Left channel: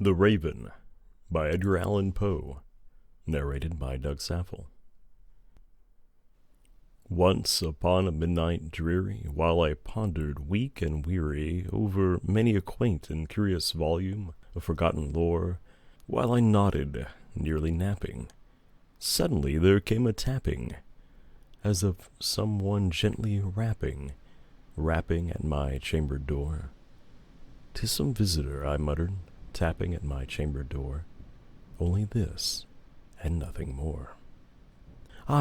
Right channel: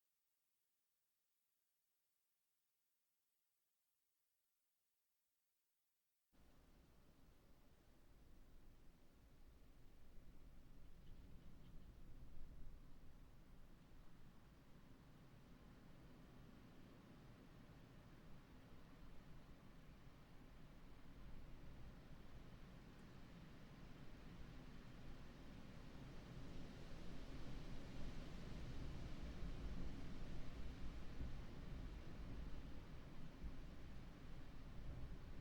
The Raven by Edgar Allan Poe, narrated by Doug Saffel. Once upon a midnight dreary, while I pondered weak and weary over many a quaint and curious volume of forgotten lore, while I nodded, nearly napping, suddenly there came a tapping, as of someone gently rapping at my chamber door. "'Tis some visitor," I muttered, tapping at my chamber door. Only this, and nothing more.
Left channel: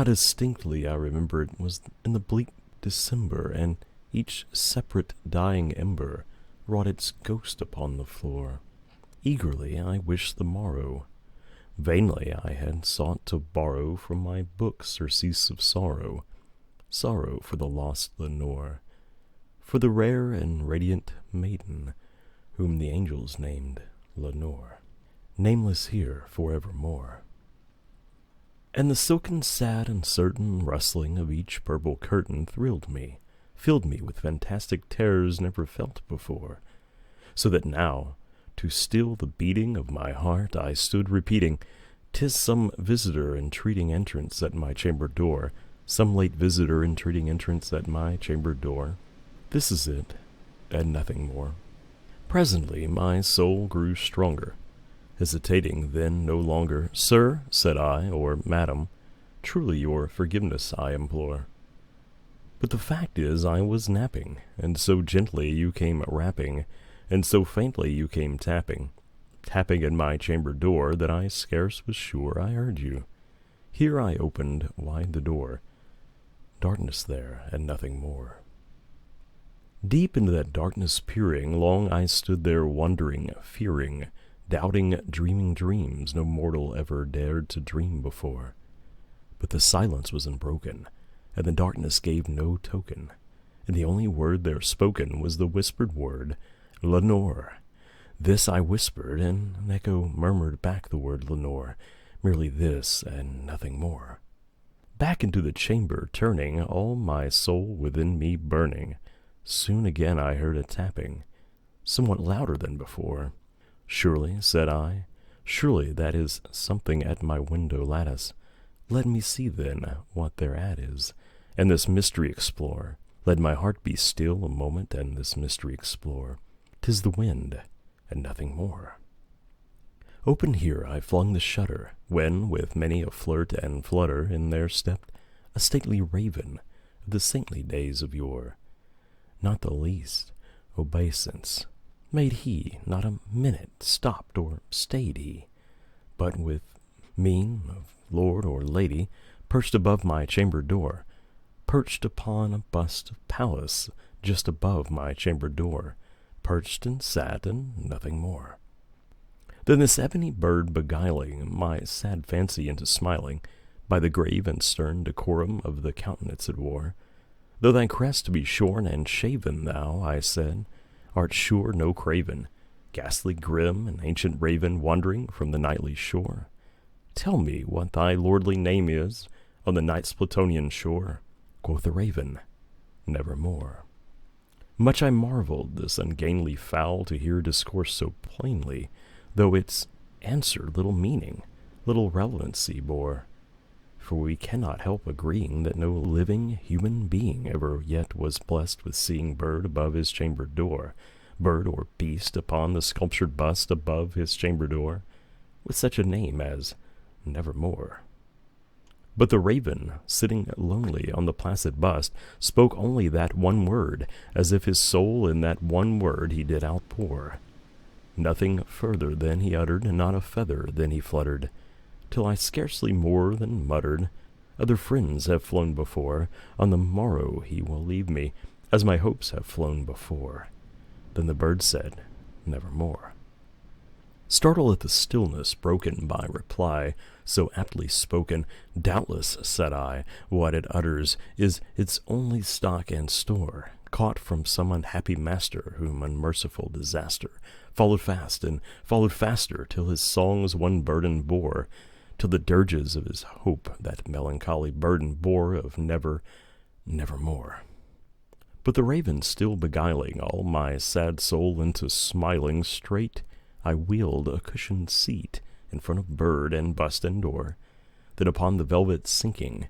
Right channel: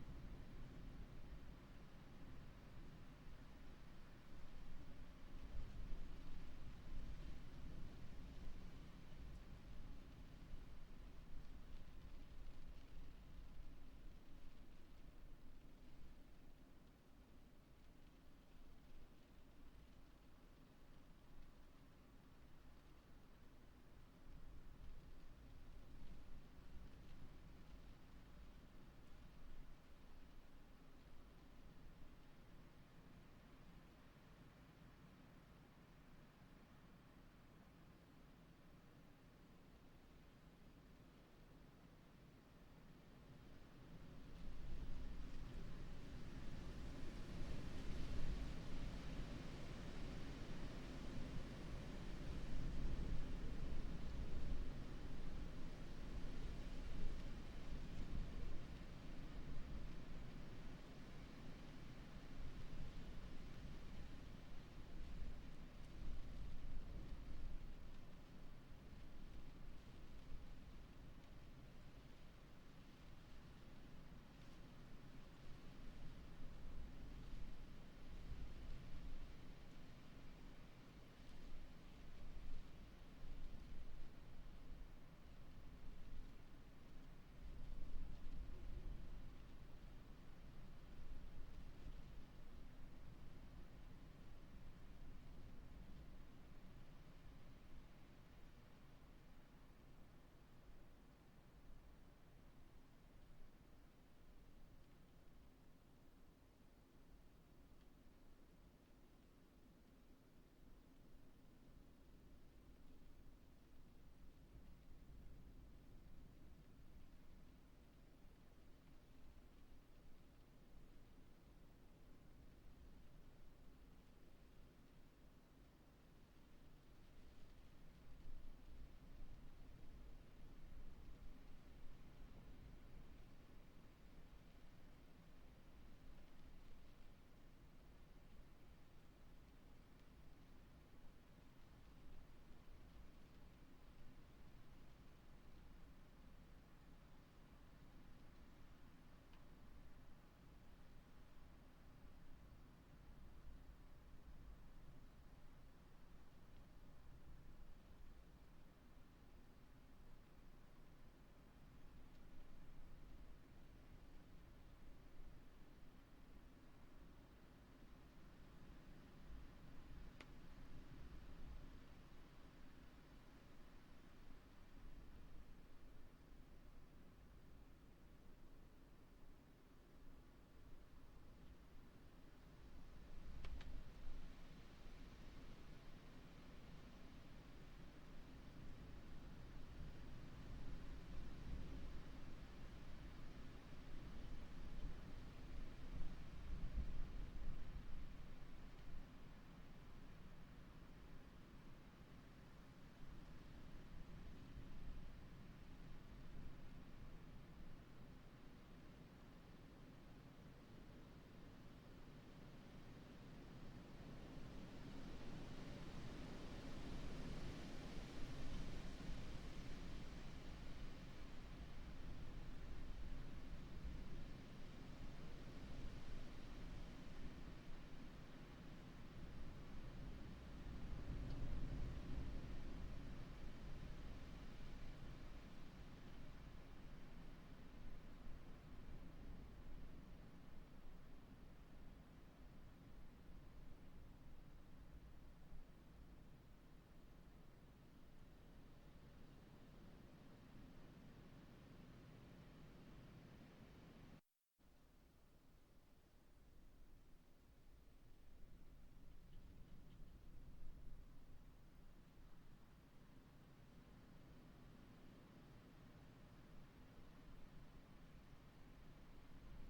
Distinctly I remember it was in the bleak December, and each separate dying ember wrought its ghost upon the floor. Eagerly I wished the morrow. Vainly I had sought to borrow from my book surcease of sorrow, sorrow for the lost Lenore, for the rare and radiant maiden, whom the angels named Lenore, nameless here forevermore. And the silken, sad, and certain rustling of each purple curtain thrilled me, filled me with fantastic terrors never felt before, so that now, to still the beating of my heart, I stood repeating, "'Tis some visitor entreating entrance at my chamber door, some late visitor entreating entrance at my chamber door. This is it, and nothing more." Presently my soul grew stronger, hesitating then no longer. "Sir," said I, "or madam, truly your forgiveness I implore. But the fact is I was napping, and so gently you came rapping, and so faintly you came tapping at my chamber door, that I scarce was sure I heard you. Here I opened wide the door. Darkness there, and nothing more. Deep into that darkness peering, long I stood there wondering, fearing, doubting, dreaming dreams no mortal ever dared to dream before. But the silence was unbroken, and the darkness gave no token, and the only word there spoken was the whispered word, Lenore. This I whispered, and an echo murmured back the word Lenore, merely this and nothing more. Back into the chamber turning, all my soul within me burning, soon again I heard a tapping, somewhat louder than before. "Surely," said I, "surely that is something at my window lattice. Let me see then what thereat is, and this mystery explore. Let my heart be still a moment, and this mystery explore. 'Tis the wind, and nothing more." Open here I flung the shutter, when, with many a flirt and flutter, in there stepped a stately raven of the saintly days of yore. Not the least obeisance made he, not a minute stopped or stayed he, but with mien of lord or lady, perched above my chamber door, perched upon a bust of Pallas just above my chamber door, perched and sat, and nothing more. Then this ebony bird beguiling my sad fancy into smiling, by the grave and stern decorum of the countenance it wore, "Though thy crest be shorn and shaven, thou," I said, "art sure no craven, ghastly grim, and ancient raven wandering from the nightly shore. Tell me what thy lordly name is on the night's Plutonian shore." Quoth the raven, "Nevermore." Much I marveled this ungainly fowl to hear discourse so plainly, though its answer little meaning, little relevancy bore. For we cannot help agreeing that no living human being ever yet was blessed with seeing bird above his chamber door, bird or beast upon the sculptured bust above his chamber door, with such a name as Nevermore. But the raven, sitting lonely on the placid bust, spoke only that one word, as if his soul in that one word he did outpour. Nothing further then he uttered, not a feather then he fluttered, till I scarcely more than muttered, "Other friends have flown before, on the morrow he will leave me, as my hopes have flown before." Then the bird said, "Nevermore." Startled at the stillness broken by reply so aptly spoken, "Doubtless," said I, "what it utters is its only stock and store, caught from some unhappy master whom unmerciful disaster followed fast and followed faster, till his songs one burden bore, till the dirges of his hope that melancholy burden bore of nevermore." But the raven still beguiling all my sad soul into smiling, straight I wheeled a cushioned seat in front of bird and bust and door. Then upon the velvet sinking,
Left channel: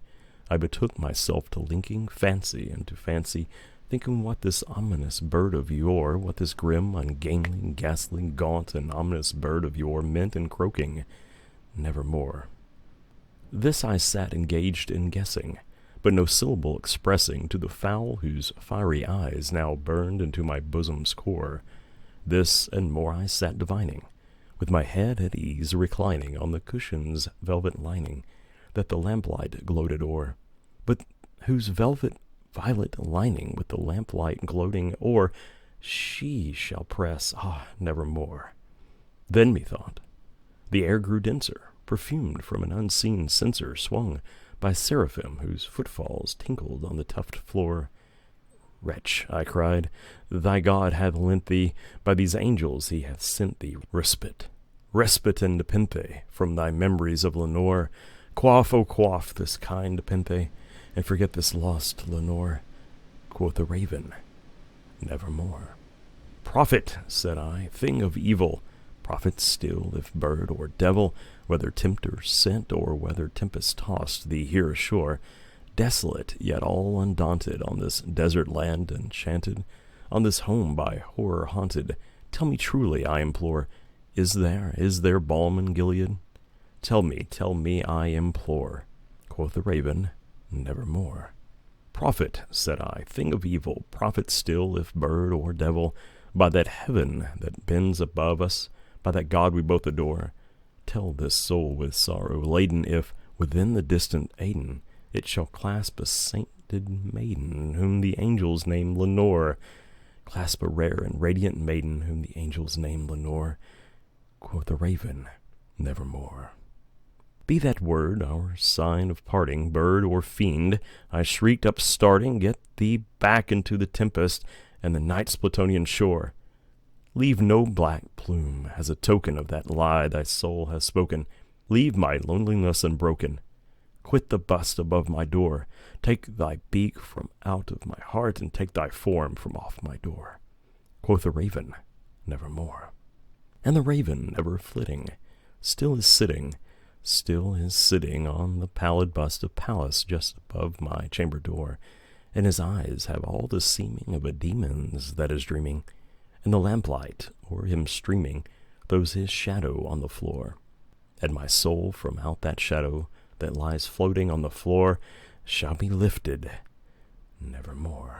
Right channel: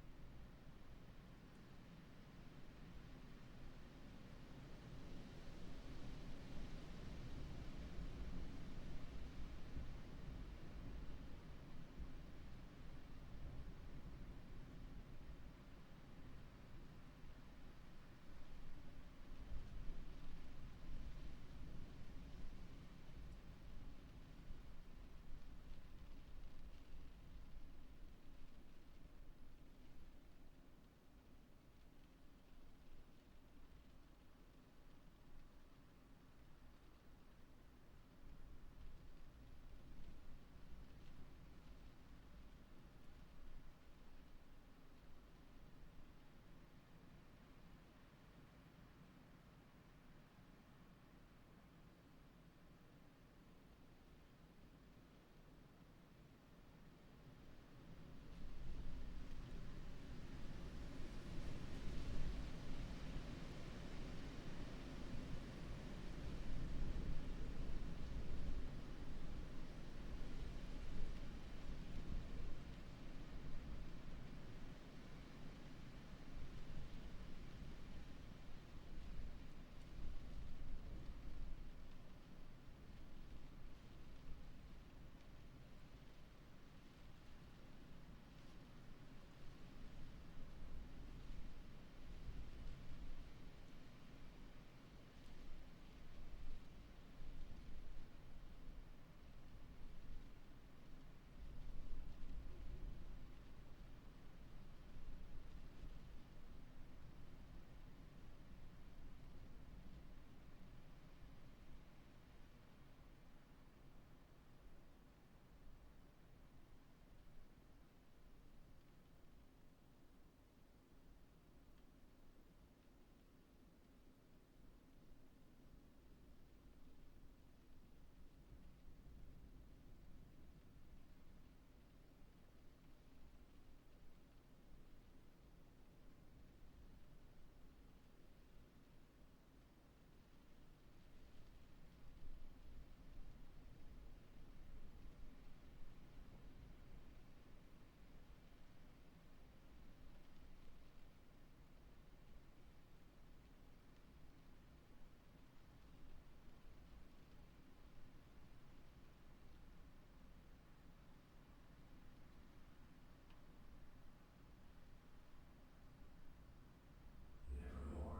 I betook myself to linking fancy into fancy, thinking what this ominous bird of yore, what this grim, ungainly, ghastly, gaunt, and ominous bird of yore meant in croaking, nevermore. This I sat engaged in guessing, but no syllable expressing to the fowl whose fiery eyes now burned into my bosom's core. This and more I sat divining, with my head at ease reclining on the cushion's velvet lining, that the lamplight gloated o'er, but whose velvet violet lining with the lamplight gloating o'er she shall press, nevermore. Then methought the air grew denser, perfumed from an unseen censer swung by seraphim whose footfalls tinkled on the tufted floor. Wretch, I cried, thy God hath lent thee, by these angels he hath sent thee respite, respite and nepenthe from thy memories of Lenore. Quaff, oh quaff this kind nepenthe, and forget this lost Lenore. Quoth the raven, nevermore. Prophet, said I, thing of evil, prophet still, if bird or devil, whether tempter sent or whether tempest tossed thee here ashore, desolate yet all undaunted on this desert land enchanted, on this home by horror haunted, tell me truly, I implore, is there balm in Gilead? Tell me, I implore. Quoth the raven, nevermore. Prophet, said I, thing of evil, prophet still, if bird or devil, by that heaven that bends above us, by that God we both adore, tell this soul with sorrow laden if, within the distant Aidenn, it shall clasp a sainted maiden whom the angels name Lenore, clasp a rare and radiant maiden whom the angels name Lenore. Quoth the raven, nevermore. Be that word our sign of parting, bird or fiend, I shrieked upstarting, get thee back into the tempest and the night's Plutonian shore. Leave no black plume as a token of that lie thy soul has spoken. Leave my loneliness unbroken. Quit the bust above my door. Take thy beak from out of my heart, and take thy form from off my door. Quoth the raven, nevermore. And the raven, never flitting, still is sitting on the pallid bust of Pallas just above my chamber door, and his eyes have all the seeming of a demon's that is dreaming, and the lamplight o'er him streaming throws his shadow on the floor, and my soul from out that shadow that lies floating on the floor shall be lifted nevermore.